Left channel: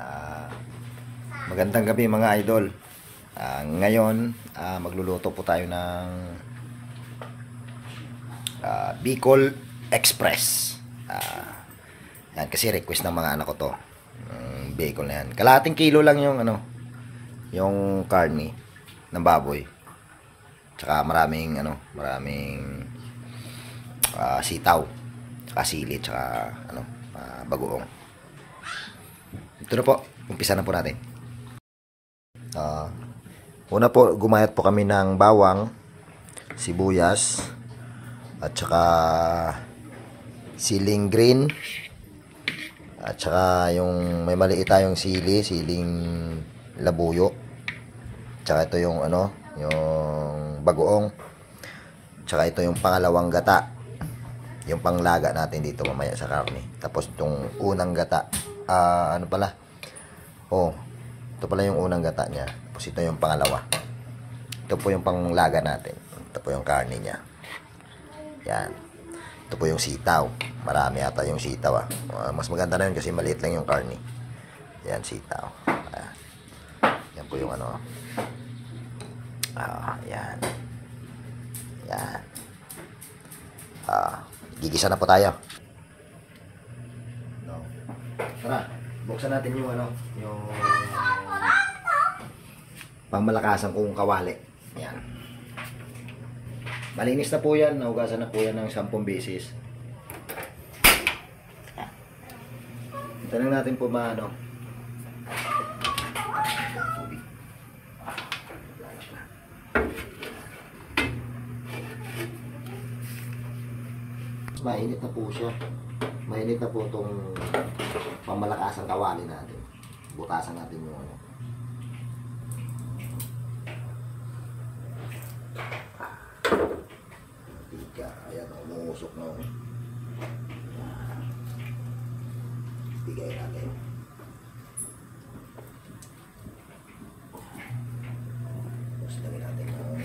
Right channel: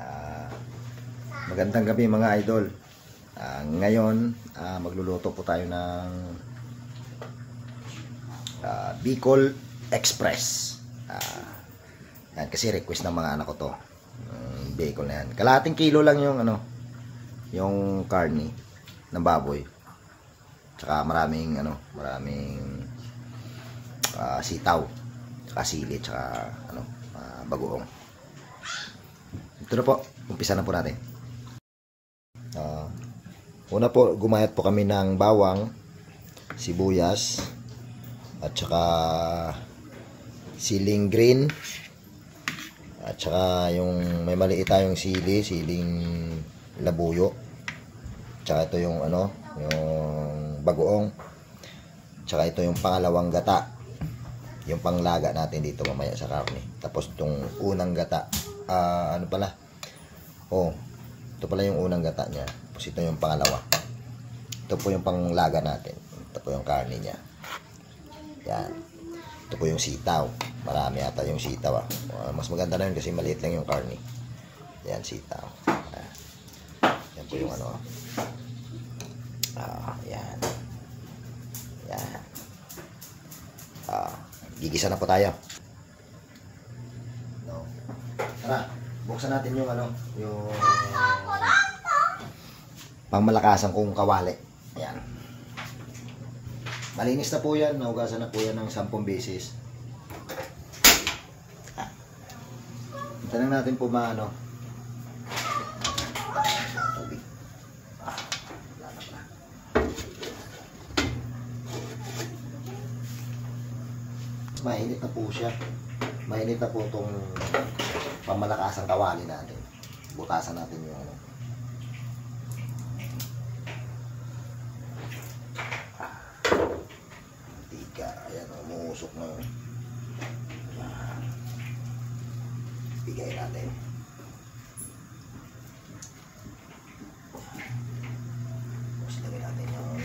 Ah, Magandang gabi mga idol. Ngayon, magluluto po tayo ng Bicol Express. Yan, kasi request ng mga anak ko to. Bicol na yan. Kalahating kilo lang yung yung karne ng baboy. Tsaka maraming sitaw, tsaka sili, tsaka bagoong. Ito na po, umpisa na po natin. Una po, gumayat po kami ng bawang, sibuyas, at saka siling green, at saka yung may maliit tayong siling labuyo, tsaka ito yung yung bagoong, tsaka ito yung pangalawang gata, yung panglaga natin dito mamaya sa karne. Tapos itong unang gata, ito pala yung unang gata niya. Tapos ito yung pangalawa. Ito po yung panglaga natin. Ito po yung karne niya. Yan. Ito po yung sitaw. Marami ata yung sitaw. Mas maganda na yun kasi maliit lang yung karne. Yan, sitaw. Yan po yung yan. Yan. Gigisa na po tayo. Tara, buksan natin yung yung pangmalakasan kong kawali. Yan. Malinis na po yan. Naugasan na po yan ng 10 beses. Ito lang natin po tubig. Mainit na po siya. Mainit na po itong pangmalakasang kawali natin. Butasan natin yung tiga. Ayan, umuusok na. Bigay natin. Tapos lagay natin yung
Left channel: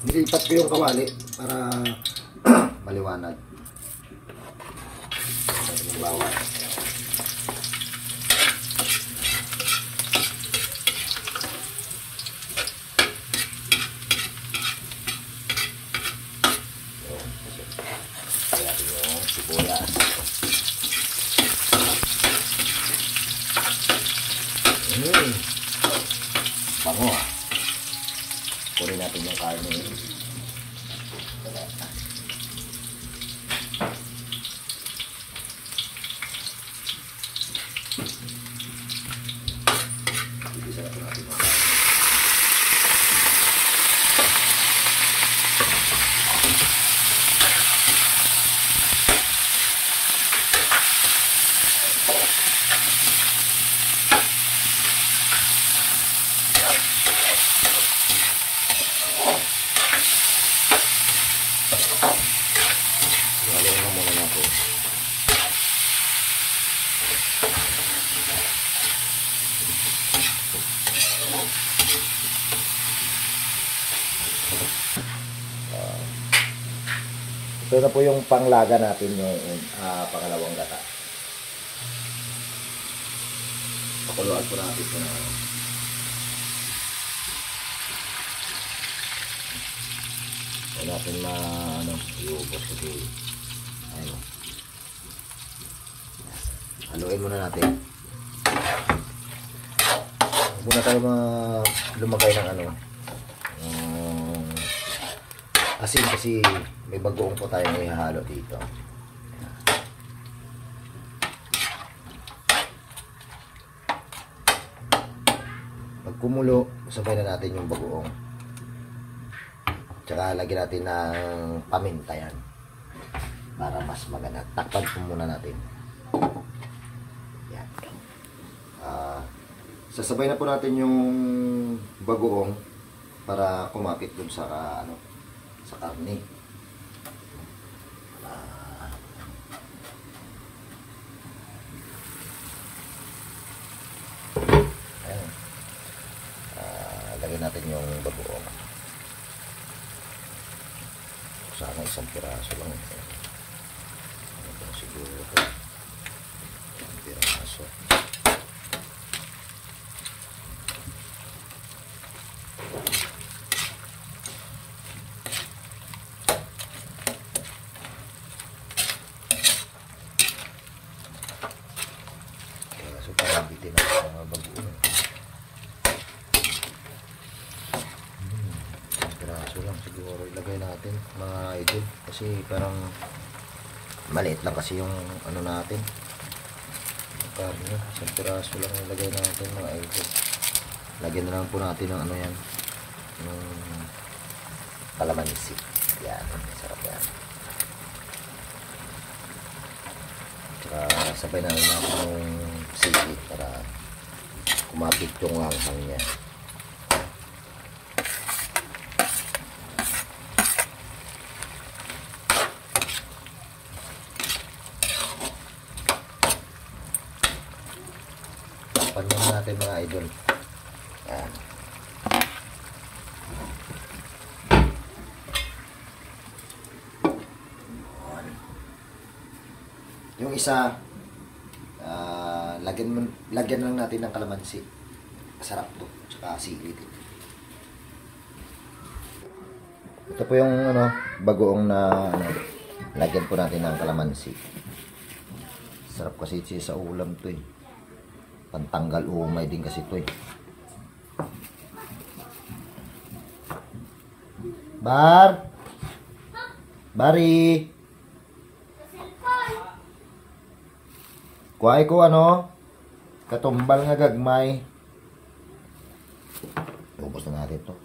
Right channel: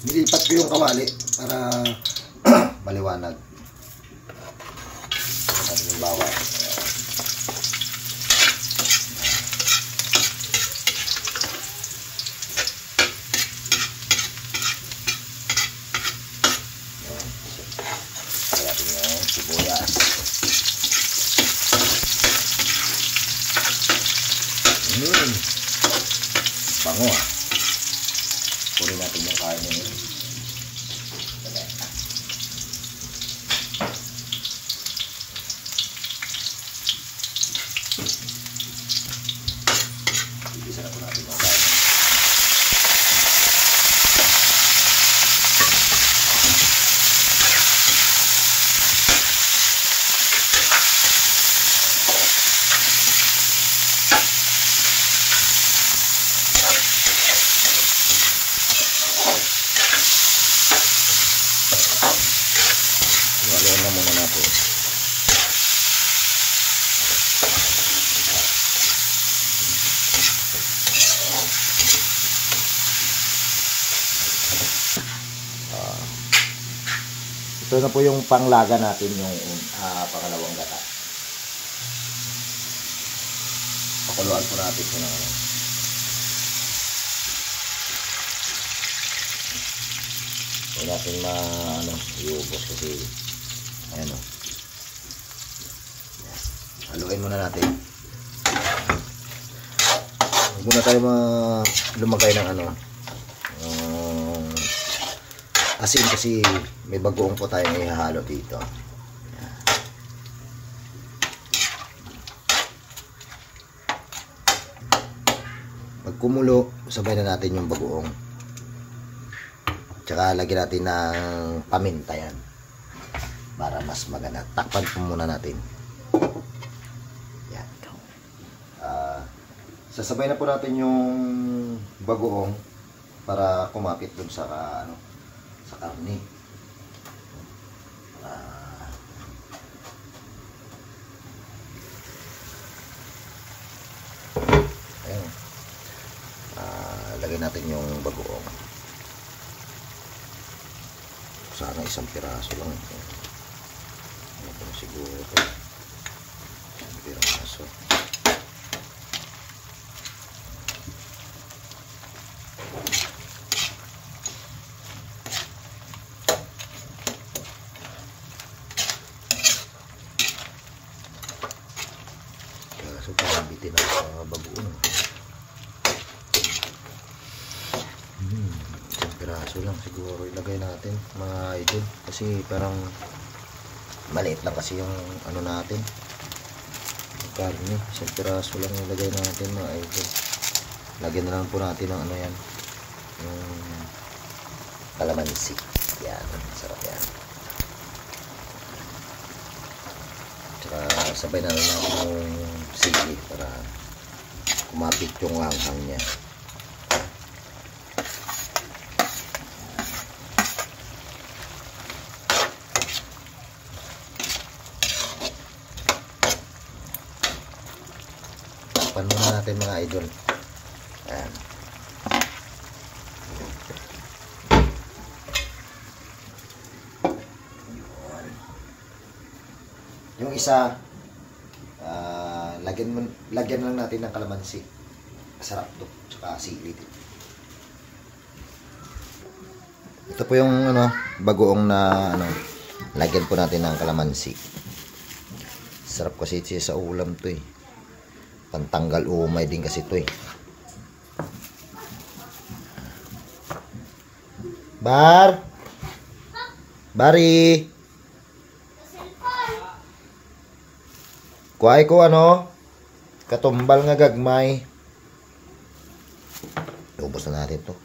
nilipat ko yung kawali para maliwanag. Natin yung bawang. Natin yung sibuyas. Bango Kunin natin yung karne. Ibisa natin yung karne. Ito na po yung panglaga natin, yung pangalawang gata. Pakuluan po natin ito na. Huwag natin iubos kasi ayan haluin muna natin. Huwag muna tayo lumagay ng asin kasi may bagoong po tayo ihahalo dito. Pag kumulo, sabay na natin yung bagoong. Tsaka lagyan natin ng paminta yan para mas maganda. Takpan po muna natin. Yan. Sasabay na po natin yung bagoong para kumapit dun sa sa karne. Lagyan natin yung bagoong. sana isang piraso lang. Ano ba siguro ito? Isang piraso. Kaso parang bitin ako sa mga bagoong. Isang piraso lang siguro ilagay natin mga idol. Kasi parang maliit lang kasi yung ano natin. Yung karne. Isang piraso lang ilagay natin mga idol. Lagyan na lang po natin ng ano yan. Yung kalamansi. Yan. Sarap yan. Tsaka sabay na lang yung sili para kumapit yung langhang niya. Panin natin mga idol. Ayan. Yung isa, lagyan lang natin ng kalamansi. Masarap to. Tsaka sili din. Ito po yung bagoong na lagyan po natin ng kalamansi. Sarap kasi siya sa ulam to eh. Pantanggal umay din kasi to eh. Bari. Kuhay ko katumbal nga gagmay. Ubos na natin to.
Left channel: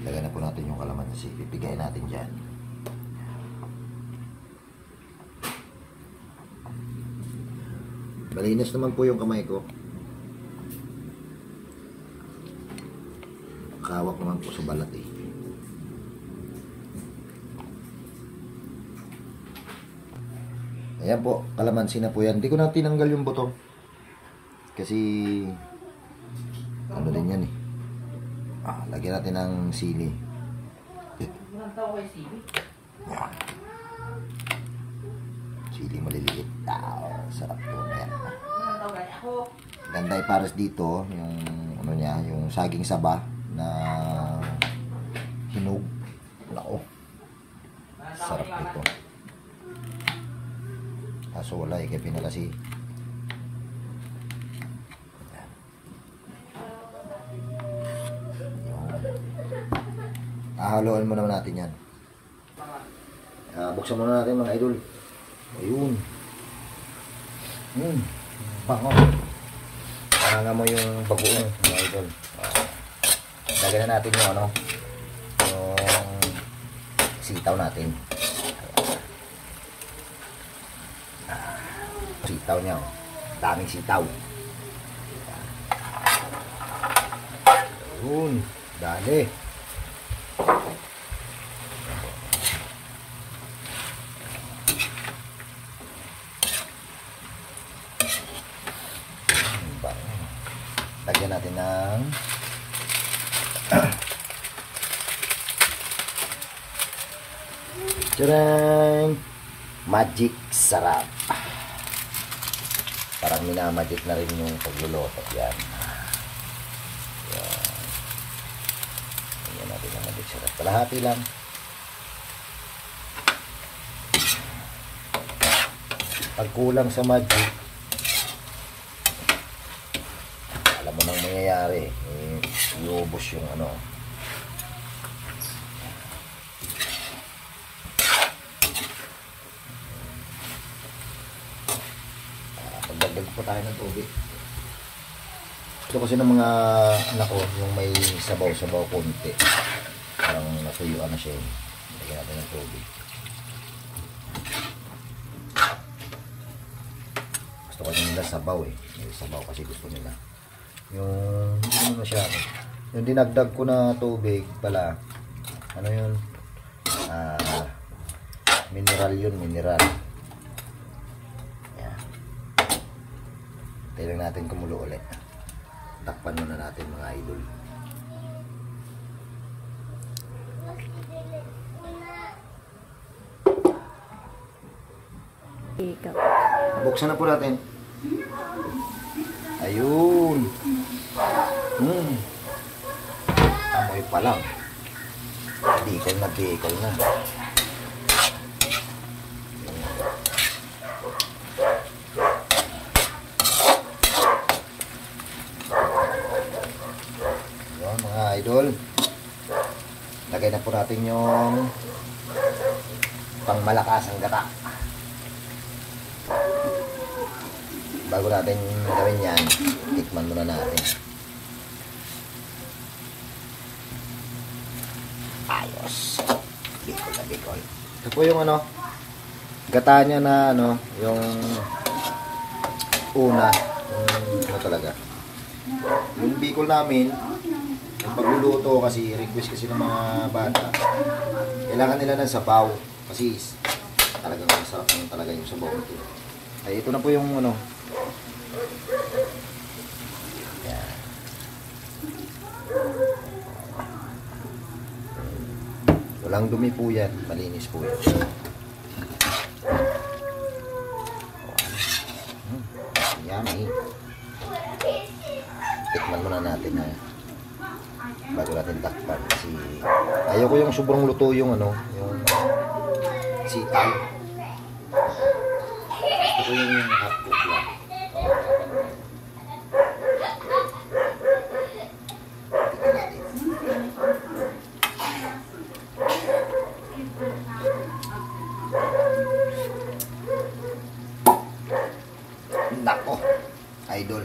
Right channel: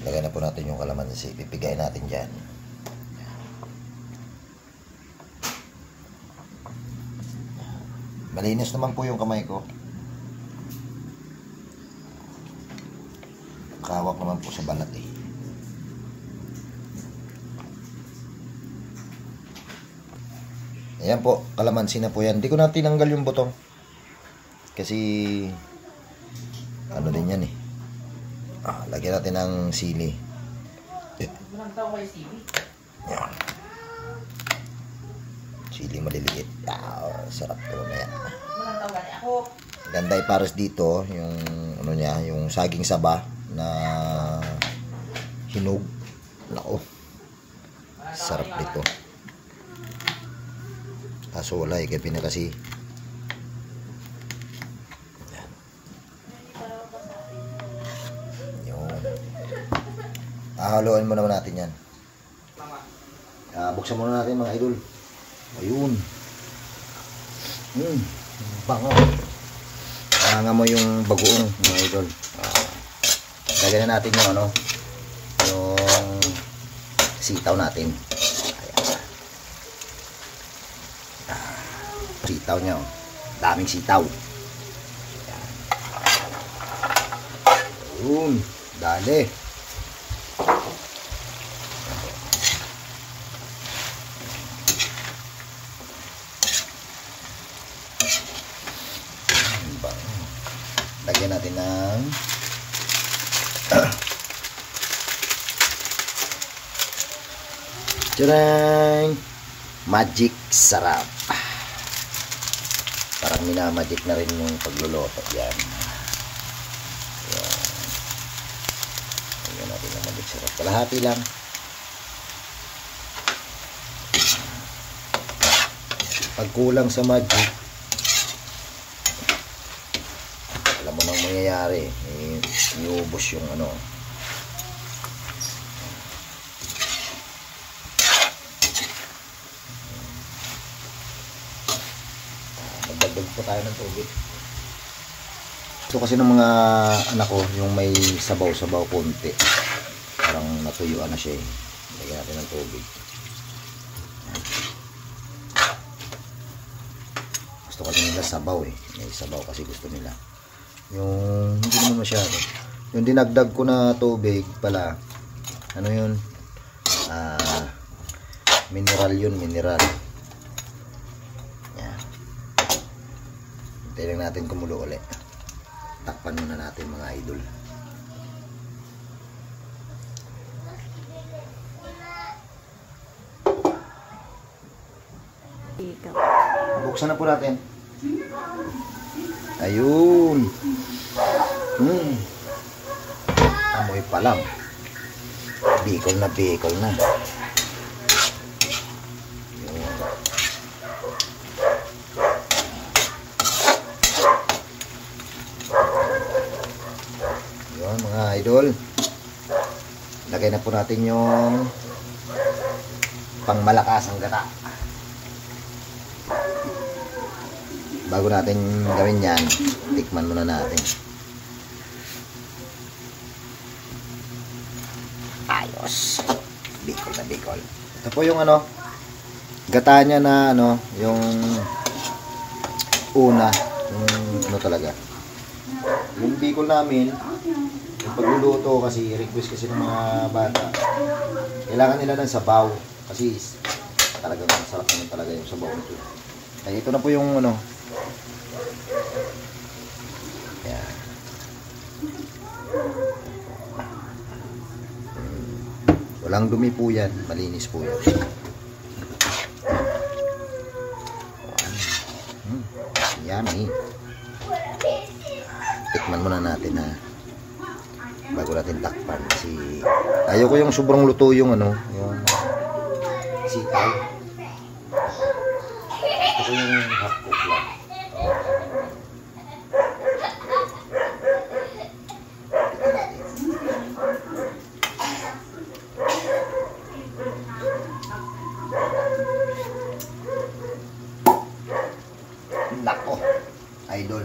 Lagyan na po natin yung kalamansi. Pipigay natin dyan. Malinis naman po yung kamay ko. Kawak naman po sa balat eh. Ayan po, kalamansi na po yan. Hindi ko na tinanggal yung butong. Kasi ano din yan eh. Lagyan natin ng sili. Yan. Sili maliliit. Sarap po na yan. Ganda ipares dito yung niya, yung saging saba na hinog. Nako. Sarap nito. Kaso wala kaya pinakasi. Yan. Yun. Haluan mo naman natin yan. Buksan muna natin mga idol. Ayun. Bango. Nga mo yung bagoong mga idol. Lagyan na natin yung yung sitaw natin. Sitaw niya. Daming sitaw. Ayun. Dali. Lagyan natin ng tadang! Magic sarap. Parang minamagic na rin yung pagluluto. Yan. Yan. Lagyan natin ng magic sarap. Kalahati lang. Pag kulang sa magic, alam mo nang mangyayari, iubos yung magdagdag po tayo ng tubig. Ito kasi ng mga anak ko, yung may sabaw-sabaw konti, parang natuyuan na siya eh. Lagyan natin ng tubig. Gusto kasi nila sabaw eh, may sabaw kasi gusto nila. Yung hindi naman masyado, yung dinagdag ko na tubig pala, yun, mineral yun, mineral. Yan. Hintayin lang natin kumulo ulit. Takpan muna natin mga idol. Buksan na po natin. Ayun. Amoy pa lang. Bicol na bicol na. Ayun mga idol. Lagay na po natin yung pangmalakasang gata. Bago natin gawin yan, tikman muna natin. Ayos. Bicol na bicol. Ito po yung ano, gata niya na ano, yung una, yung ano talaga. Yung bicol namin, yung pagluluto kasi, request kasi ng mga bata, kailangan nila ng sabaw. Kasi talagang masarap naman talaga yung sabaw nito. Ay, ito na po yung ano. Yan. Walang dumi po yan. Malinis po yan. Yan eh. Tikman muna natin ha. Bago natin takpan. Kasi ayaw ko yung sobrang luto yung ano. Yung sitaw. Gusto ko yung half cook lang. Nako, idol.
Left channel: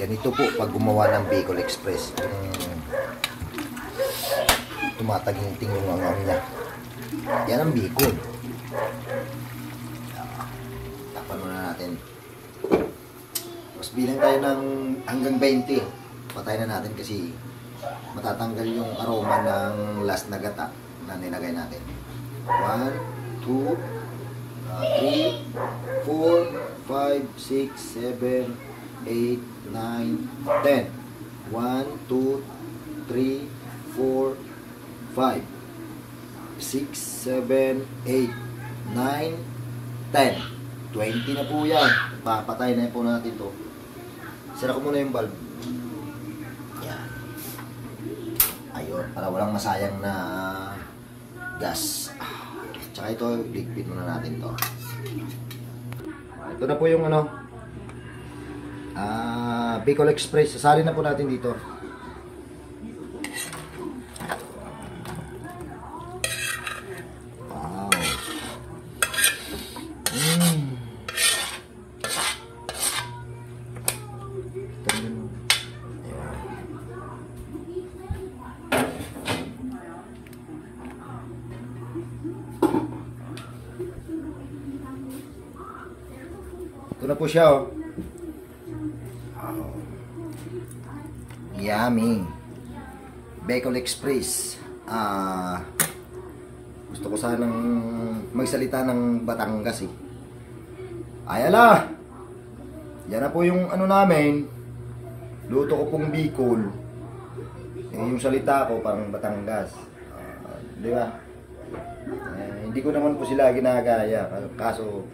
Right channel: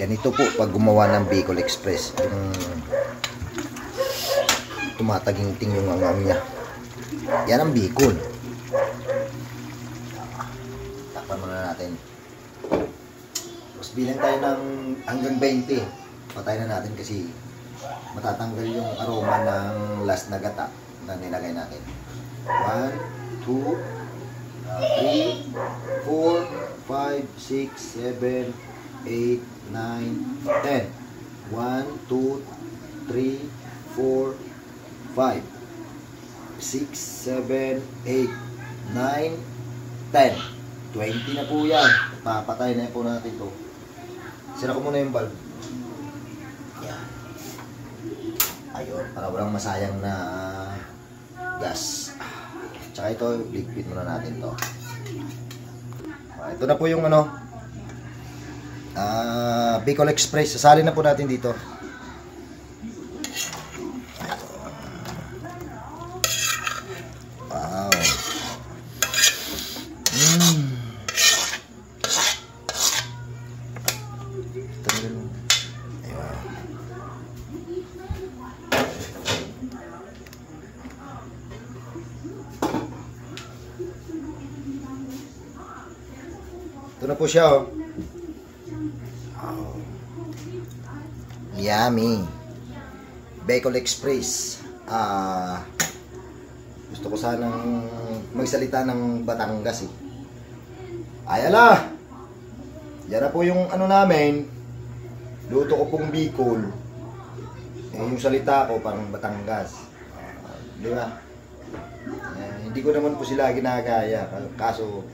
Ganito po pag gumawa ng Bicol Express. Yung tumataging-ting yung angam niya. Yan ang Bicol. Takpan muna natin. Mas bilang tayo ng hanggang 20. Patay na natin kasi matatanggal yung aroma ng last na gata na nilagay natin. 1, 2, 3, 4, 5, 6, 7, 8, 9, 10. 1, 2, 3, 4, 5, 6, 7, 8, 9, 10. 20 na po yan. Papatay na po natin to. Sira ko muna yung bulb. Yan. Ayun, para walang masayang na gas. Tsaka ito, ligpit muna natin to. Ito na po yung ano, Bicol Express. Sasali na po natin dito. Wow. Ito na po siya, oh. Wow. Yummy. Bicol Express. Gusto ko sanang magsalita ng Batangas, eh. Ayala! Yan na po yung ano namin. Luto ko pong Bicol. Yung salita ko parang Batangas. Di ba? Hindi ko naman po sila ginagaya. Kaso,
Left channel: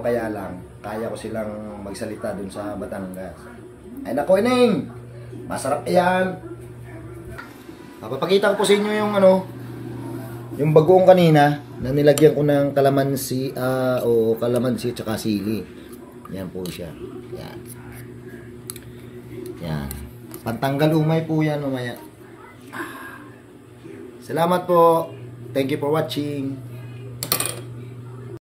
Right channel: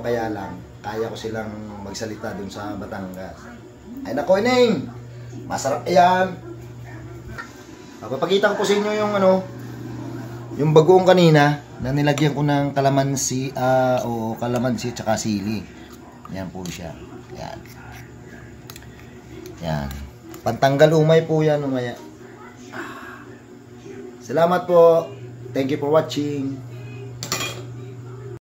kaya lang, kaya ko silang magsalita dun sa Batangas. Ay nako, Ining! Masarap yan! Papakita ko po sa inyo yung ano, yung bagoong kanina na nilagyan ko ng kalamansi o kalamansi tsaka sili. Yan po siya. Yan. Yan. Pantanggal umay po yan mamaya. Salamat po. Thank you for watching.